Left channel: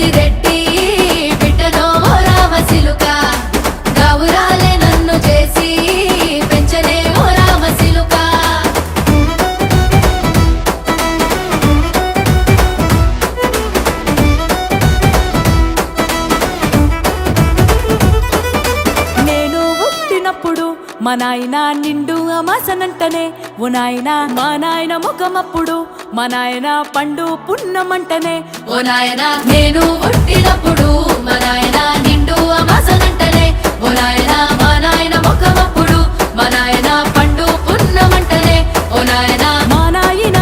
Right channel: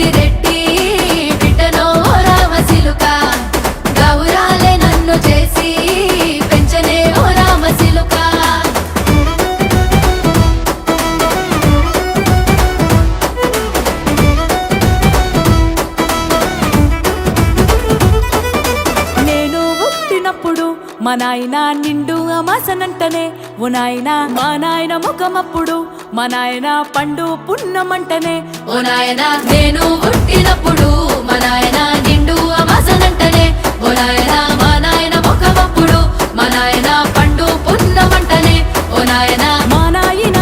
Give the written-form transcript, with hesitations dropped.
పెద్దిరెడ్డి బిడ్డనో ఓ రామసిలుక గౌరాలే నన్ను చేసి పెంచనే ఓ రామసిలుక నేను పుట్టినప్పుడు మా నాయన నిండు అమాసనంటనే ఓ నాయన మా నాయన ముఖమప్పుడు మా నాయన పండు పున్నమంటనే ఓ నాయన నేను పుట్టినప్పుడు మా నాయన నిండు అమాసనంటనే ఓ నాయన మా నాయన ముఖమప్పుడు మా నాయన పండు పున్నమంటనే ఓ నాయన మా నాయన